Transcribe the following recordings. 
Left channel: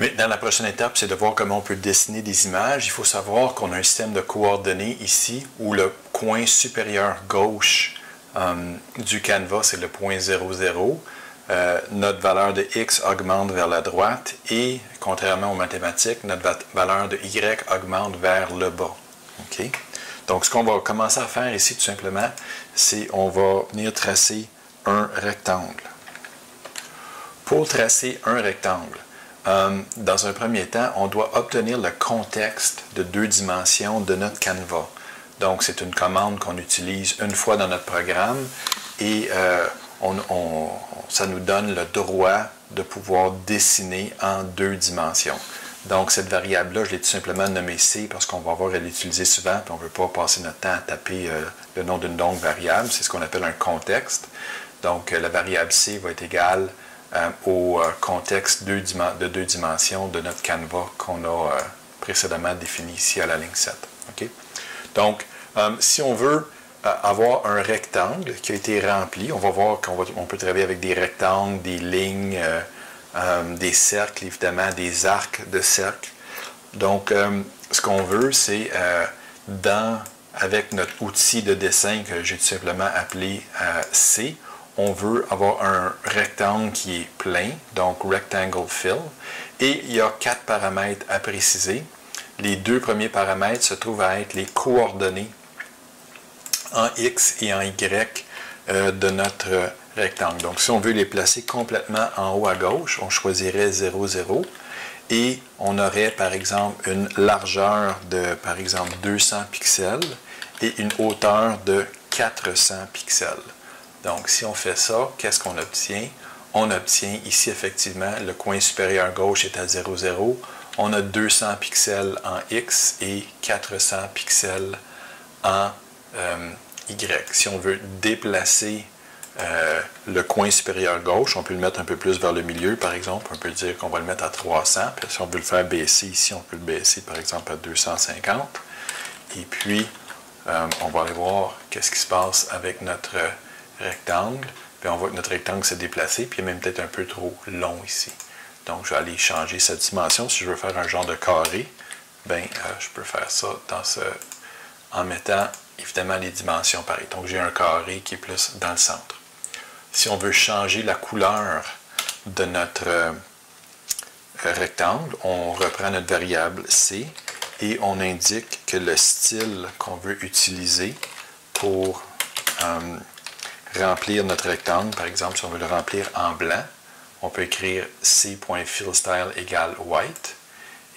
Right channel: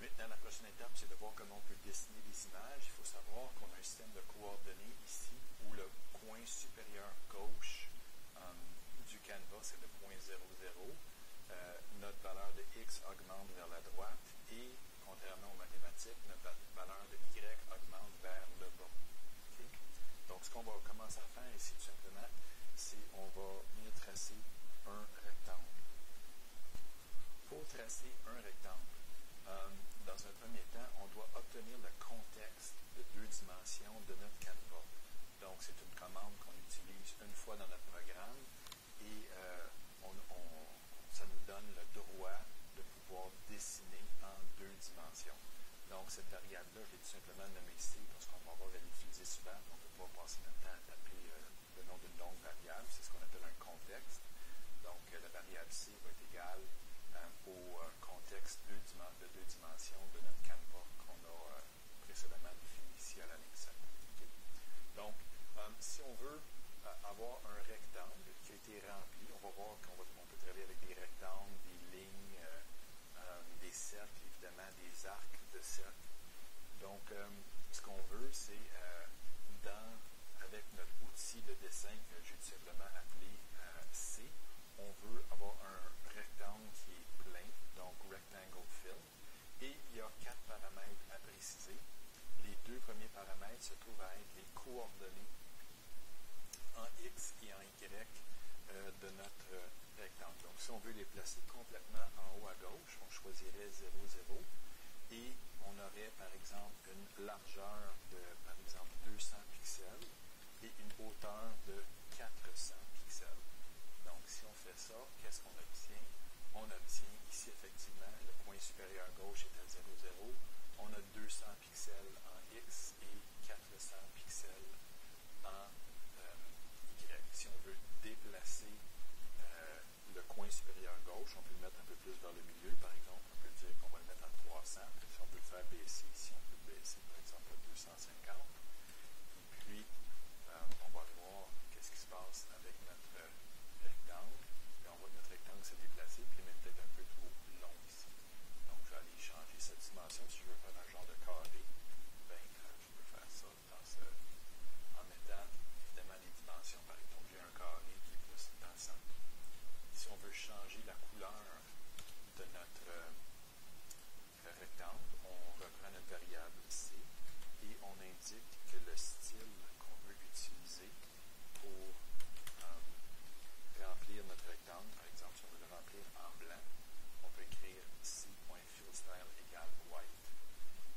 Maintenant, la prochaine étape, c'est de voir comment on peut dessiner des images. Il faut savoir qu'on a un système de coordonnées ici où le coin supérieur gauche du canevas, c'est le point 0, 0. Notre valeur de x augmente vers la droite et, contrairement aux mathématiques, notre valeur de y augmente vers le bas. Okay? Donc, ce qu'on va commencer à faire ici, tout simplement, c'est on va venir tracer un rectangle. Pour tracer un rectangle, dans un premier temps, on doit obtenir le contexte de 2 dimensions de notre canevas. Donc, c'est une commande qu'on utilise une fois dans notre programme et ça nous donne le droit de pouvoir dessiner en 2 dimensions. Donc, cette variable-là, je l'ai tout simplement nommée C parce qu'on va avoir à l'utiliser souvent et on ne veut pas passer notre temps à taper le nom d'une longue variable. C'est ce qu'on appelle un contexte. Donc, la variable C va être égale au contexte de 2 dimensions de notre canevas qu'on a précédemment défini ici à la ligne 7. Okay? Donc, si on veut avoir un rectangle qui a été rempli, on va voir qu'on peut travailler avec des rectangles, des lignes, des cercles, évidemment, des arcs de cercle. Donc, ce qu'on veut, c'est avec notre outil de dessin que j'ai tout simplement appelé C, on veut avoir un rectangle qui est plein, donc Rectangle Fill, et il y a 4 paramètres à préciser. Les 2 premiers paramètres se trouvent à être les coordonnées en X et en Y de notre rectangle. Donc, si on veut les placer complètement en haut à gauche, on choisirait 0, 0, et on aurait, par exemple, une largeur de, par exemple, 200 pixels et une hauteur de 400 pixels. Donc, si on fait ça, qu'est-ce qu'on obtient? On obtient ici, effectivement, le coin supérieur gauche est à 0, 0. On a 200 pixels en X et 400 pixels en Y. Si on veut déplacer le coin supérieur gauche, on peut le mettre un peu plus vers le milieu, par exemple. On peut dire qu'on va le mettre à 300. Puis si on veut le faire baisser ici, on peut le baisser, par exemple, à 250. Et puis, on va aller voir qu'est-ce qui se passe avec notre rectangle, puis on voit que notre rectangle s'est déplacé, puis il est même peut-être un peu trop long ici. Donc, je vais aller changer sa dimension. Si je veux faire un genre de carré, ben, je peux faire ça en mettant évidemment les dimensions pareilles. Donc, j'ai un carré qui est plus dans le centre. Si on veut changer la couleur de notre rectangle, on reprend notre variable C et on indique que le style qu'on veut utiliser pour remplir notre rectangle, par exemple, si on veut le remplir en blanc, on peut écrire C.fillStyle égale white,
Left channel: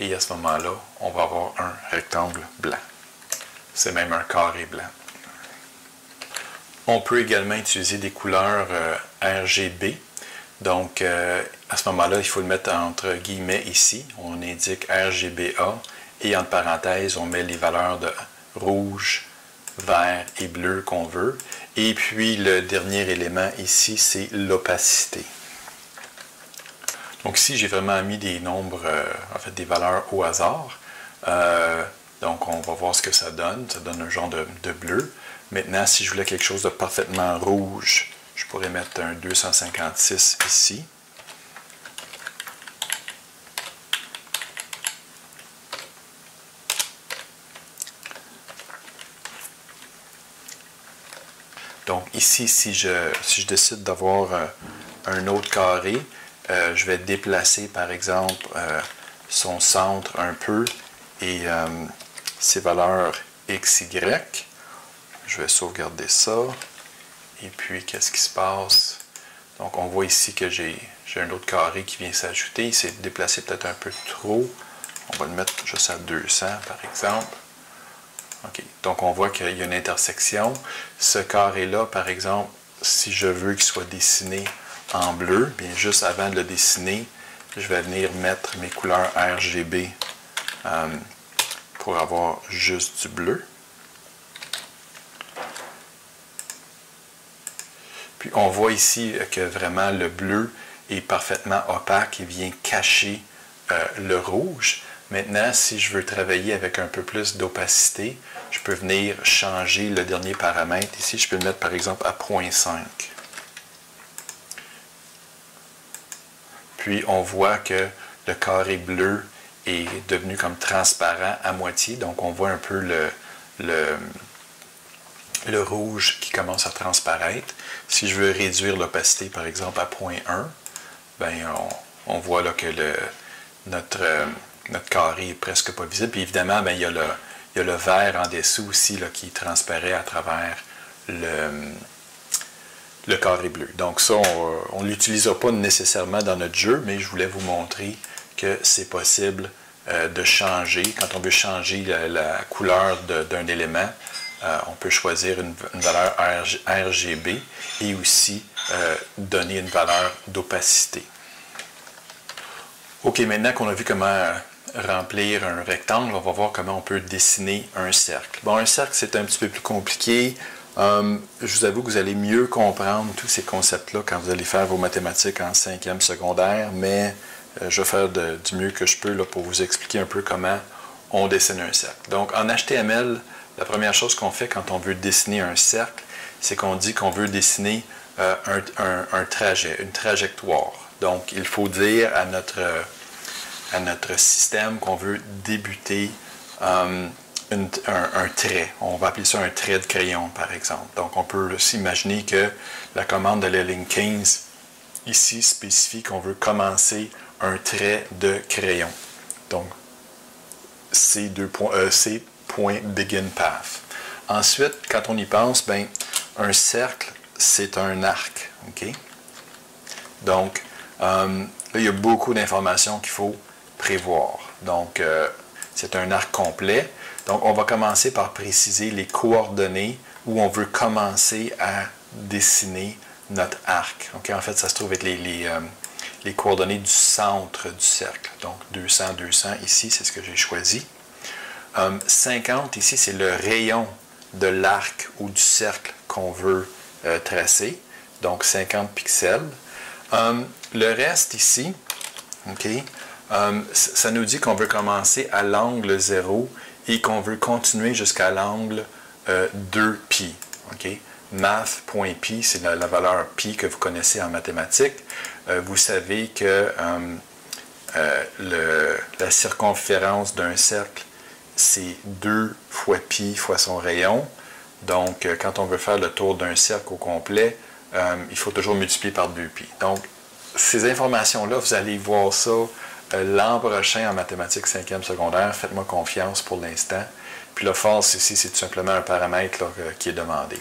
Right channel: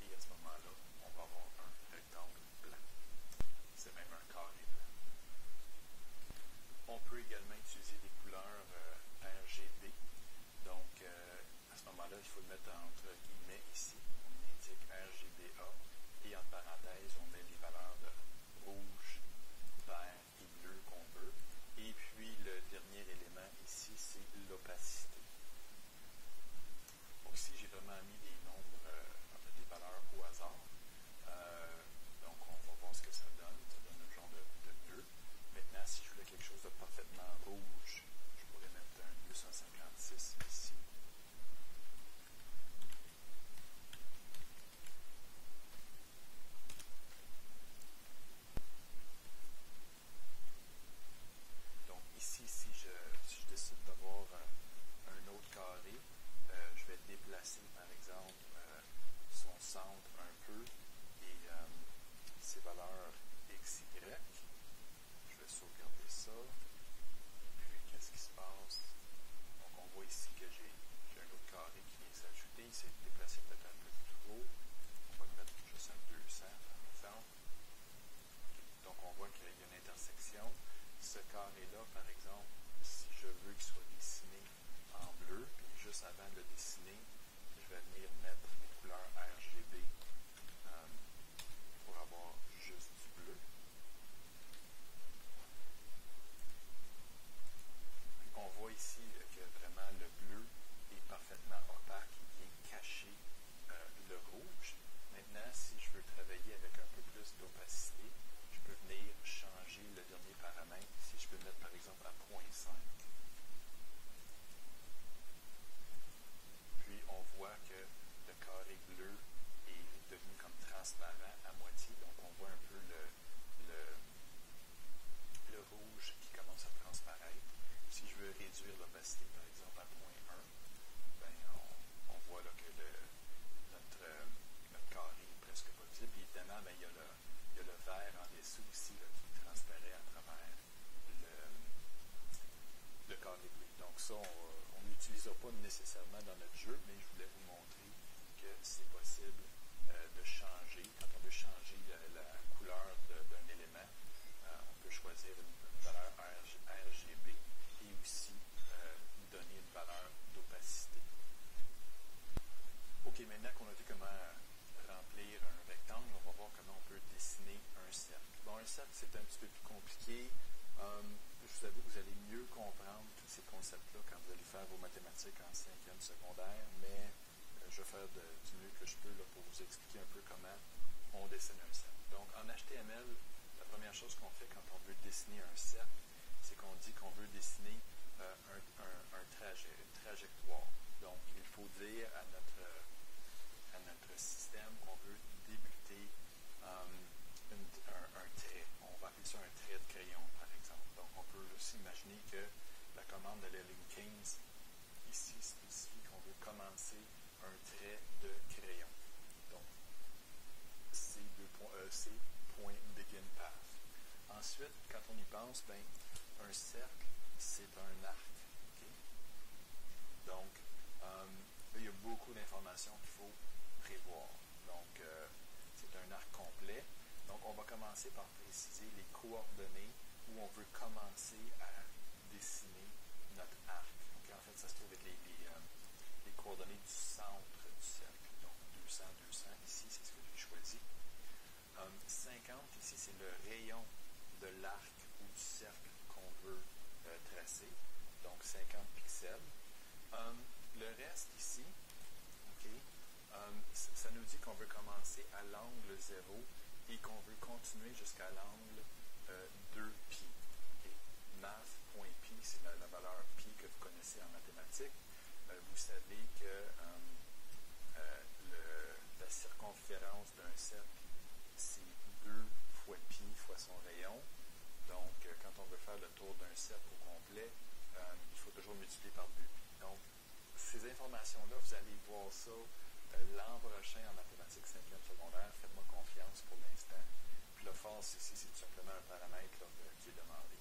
et à ce moment-là, on va avoir un rectangle blanc. C'est même un carré blanc. On peut également utiliser des couleurs RGB. Donc, à ce moment-là, il faut le mettre entre guillemets ici. On indique RGBA, et entre parenthèses, on met les valeurs de rouge, vert et bleu qu'on veut. Et puis, le dernier élément ici, c'est l'opacité. Donc ici, j'ai vraiment mis des nombres, en fait, des valeurs au hasard. Donc, on va voir ce que ça donne. Ça donne un genre de bleu. Maintenant, si je voulais quelque chose de parfaitement rouge, je pourrais mettre un 256 ici. Donc ici, si je décide d'avoir un autre carré, je vais déplacer par exemple son centre un peu et ses valeurs x, y. Je vais sauvegarder ça. Et puis, qu'est-ce qui se passe? Donc, on voit ici que j'ai un autre carré qui vient s'ajouter. Il s'est déplacé peut-être un peu trop. On va le mettre juste à 200 par exemple. OK. Donc, on voit qu'il y a une intersection. Ce carré-là, par exemple, si je veux qu'il soit dessiné en bleu, bien juste avant de le dessiner, je vais venir mettre mes couleurs RGB pour avoir juste du bleu. Puis, on voit ici que vraiment le bleu est parfaitement opaque et vient cacher le rouge. Maintenant, si je veux travailler avec un peu plus d'opacité, je peux venir changer le dernier paramètre. Ici, je peux le mettre par exemple à 0.5. Puis, on voit que le carré bleu est devenu comme transparent à moitié. Donc, on voit un peu le rouge qui commence à transparaître. Si je veux réduire l'opacité, par exemple, à 0.1, ben, on voit là que notre carré est presque pas visible. Puis évidemment, ben, il y a le vert en dessous aussi là, qui transparaît à travers le carré bleu. Donc ça, on ne l'utilisera pas nécessairement dans notre jeu, mais je voulais vous montrer que c'est possible de changer. Quand on veut changer la couleur d'un élément, on peut choisir une valeur RGB et aussi donner une valeur d'opacité. OK, maintenant qu'on a vu comment remplir un rectangle, on va voir comment on peut dessiner un cercle. Bon, un cercle, c'est un petit peu plus compliqué. Je vous avoue que vous allez mieux comprendre tous ces concepts-là quand vous allez faire vos mathématiques en 5e secondaire, mais je vais faire du mieux que je peux là, pour vous expliquer un peu comment on dessine un cercle. Donc, en HTML, la première chose qu'on fait quand on veut dessiner un cercle, c'est qu'on dit qu'on veut dessiner un trajet, une trajectoire. Donc, il faut dire à notre système qu'on veut débuter un trait. On va appeler ça un trait de crayon, par exemple. Donc, on peut s'imaginer que la commande de la ligne 15, ici, spécifie qu'on veut commencer un trait de crayon. Donc, point begin path. Ensuite, quand on y pense, ben, un cercle, c'est un arc. Okay? Donc, là, il y a beaucoup d'informations qu'il faut prévoir. Donc, c'est un arc complet. Donc, on va commencer par préciser les coordonnées où on veut commencer à dessiner notre arc. Okay? En fait, ça se trouve être les coordonnées du centre du cercle. Donc, 200, 200 ici, c'est ce que j'ai choisi. 50 ici, c'est le rayon de l'arc ou du cercle qu'on veut tracer. Donc, 50 pixels. Le reste ici, okay, ça nous dit qu'on veut commencer à l'angle 0 et qu'on veut continuer jusqu'à l'angle 2π. Okay? Math.pi, c'est la valeur pi que vous connaissez en mathématiques. Vous savez que la circonférence d'un cercle, c'est 2 fois pi fois son rayon. Donc, quand on veut faire le tour d'un cercle au complet, il faut toujours multiplier par 2π. Donc, ces informations-là, vous allez voir ça l'an prochain en mathématiques 5e secondaire. Faites-moi confiance pour l'instant. Puis le force ici, c'est tout simplement un paramètre là, qui est demandé.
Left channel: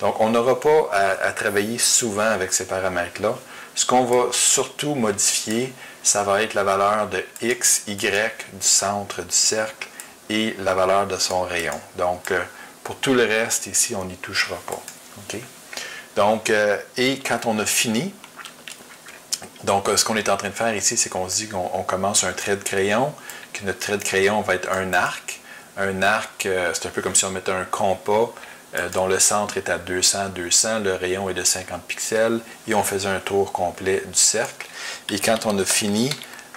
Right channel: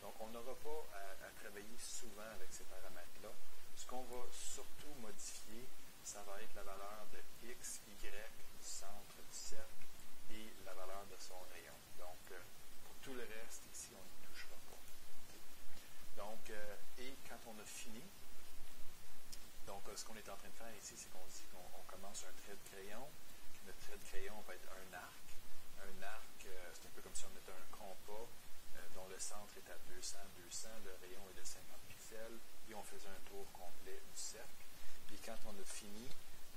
Donc, on n'aura pas à travailler souvent avec ces paramètres-là. Ce qu'on va surtout modifier, ça va être la valeur de x, y du centre du cercle et la valeur de son rayon. Donc, pour tout le reste, ici, on n'y touchera pas. Okay? Donc, et quand on a fini, donc ce qu'on est en train de faire ici, c'est qu'on se dit qu'on commence un trait de crayon, que notre trait de crayon va être un arc. Un arc, c'est un peu comme si on mettait un compas dont le centre est à 200, 200, le rayon est de 50 pixels, et on faisait un tour complet du cercle. Et quand on a fini,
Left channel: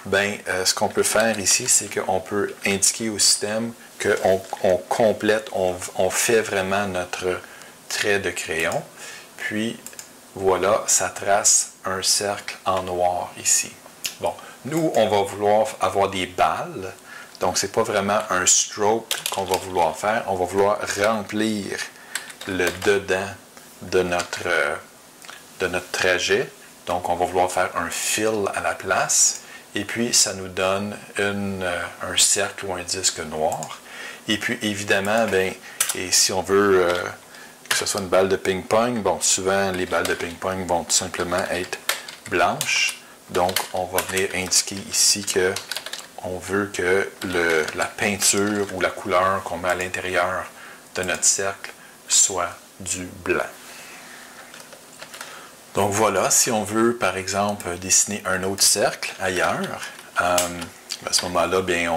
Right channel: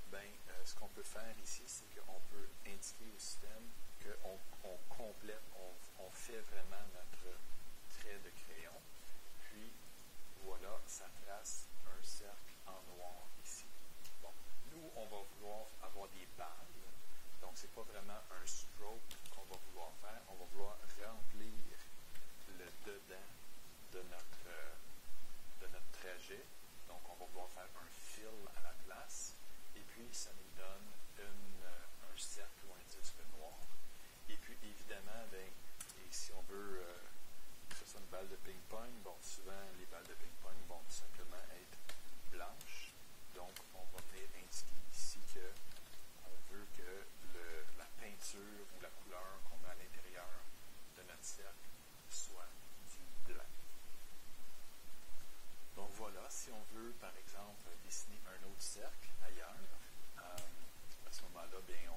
ben, ce qu'on peut faire ici, c'est qu'on peut indiquer au système qu'on complète, on fait vraiment notre trait de crayon. Puis, voilà, ça trace un cercle en noir ici. Bon, nous, on va vouloir avoir des balles. Donc, ce n'est pas vraiment un stroke qu'on va vouloir faire. On va vouloir remplir le dedans de notre trajet. Donc, on va vouloir faire un fill à la place. Et puis, ça nous donne un cercle ou un disque noir. Et puis, évidemment, ben, et si on veut que ce soit une balle de ping-pong, bon, souvent, les balles de ping-pong vont tout simplement être blanches. Donc, on va venir indiquer ici que on veut que la peinture ou la couleur qu'on met à l'intérieur de notre cercle soit du blanc. Donc voilà, si on veut, par exemple, dessiner un autre cercle ailleurs, à ce moment-là, bien,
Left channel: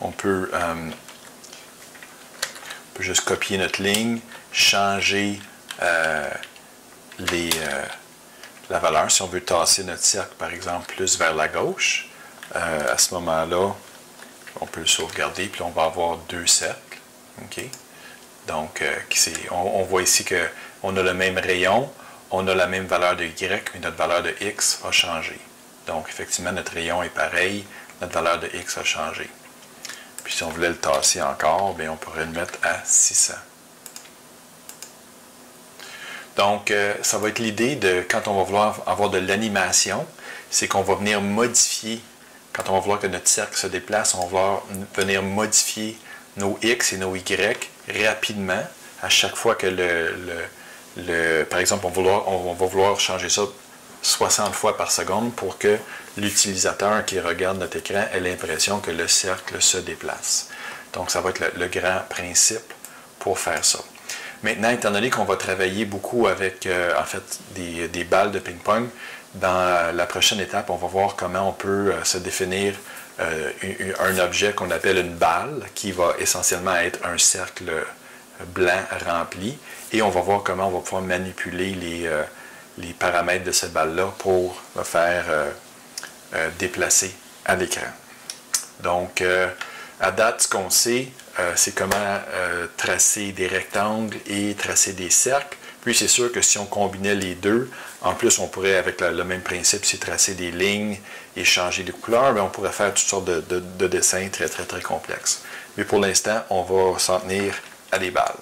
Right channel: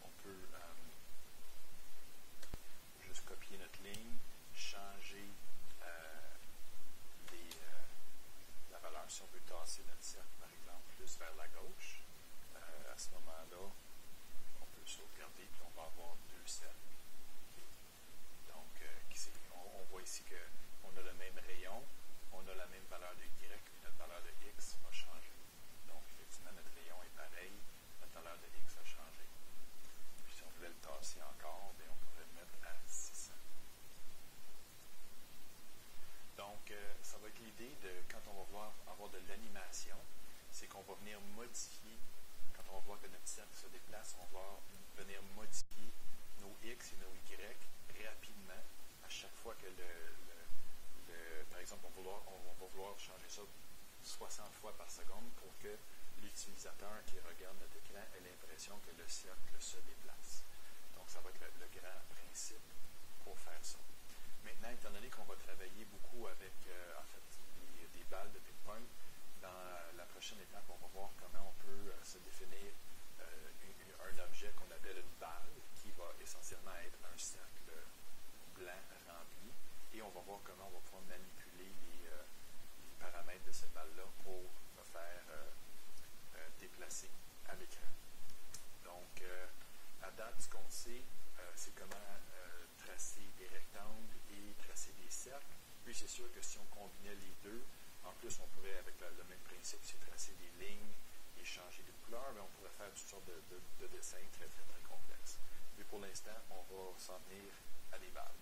on peut juste copier notre ligne, changer la valeur. Si on veut tasser notre cercle, par exemple, plus vers la gauche, à ce moment-là, on peut le sauvegarder, puis on va avoir deux cercles. Okay? Donc, on voit ici qu'on a le même rayon, on a la même valeur de y, mais notre valeur de x a changé. Donc, effectivement, notre rayon est pareil, notre valeur de X a changé. Puis si on voulait le tasser encore, bien, on pourrait le mettre à 600. Donc, ça va être l'idée de, quand on va vouloir avoir de l'animation, c'est qu'on va venir modifier, quand on va vouloir que notre cercle se déplace, on va vouloir venir modifier nos X et nos Y rapidement, à chaque fois que par exemple, on va vouloir changer ça 60 fois par seconde pour que l'utilisateur qui regarde notre écran ait l'impression que le cercle se déplace. Donc, ça va être le grand principe pour faire ça. Maintenant, étant donné qu'on va travailler beaucoup avec, en fait, des balles de ping-pong, dans la prochaine étape, on va voir comment on peut se définir un objet qu'on appelle une balle, qui va essentiellement être un cercle blanc rempli, et on va voir comment on va pouvoir manipuler les paramètres de cette balle-là pour le faire déplacer à l'écran. Donc, à date, ce qu'on sait, c'est comment tracer des rectangles et tracer des cercles. Puis c'est sûr que si on combinait les deux, en plus on pourrait, avec le même principe, c'est tracer des lignes et changer de couleur, mais on pourrait faire toutes sortes de dessins très, très, très complexes. Mais pour l'instant, on va s'en tenir à des balles.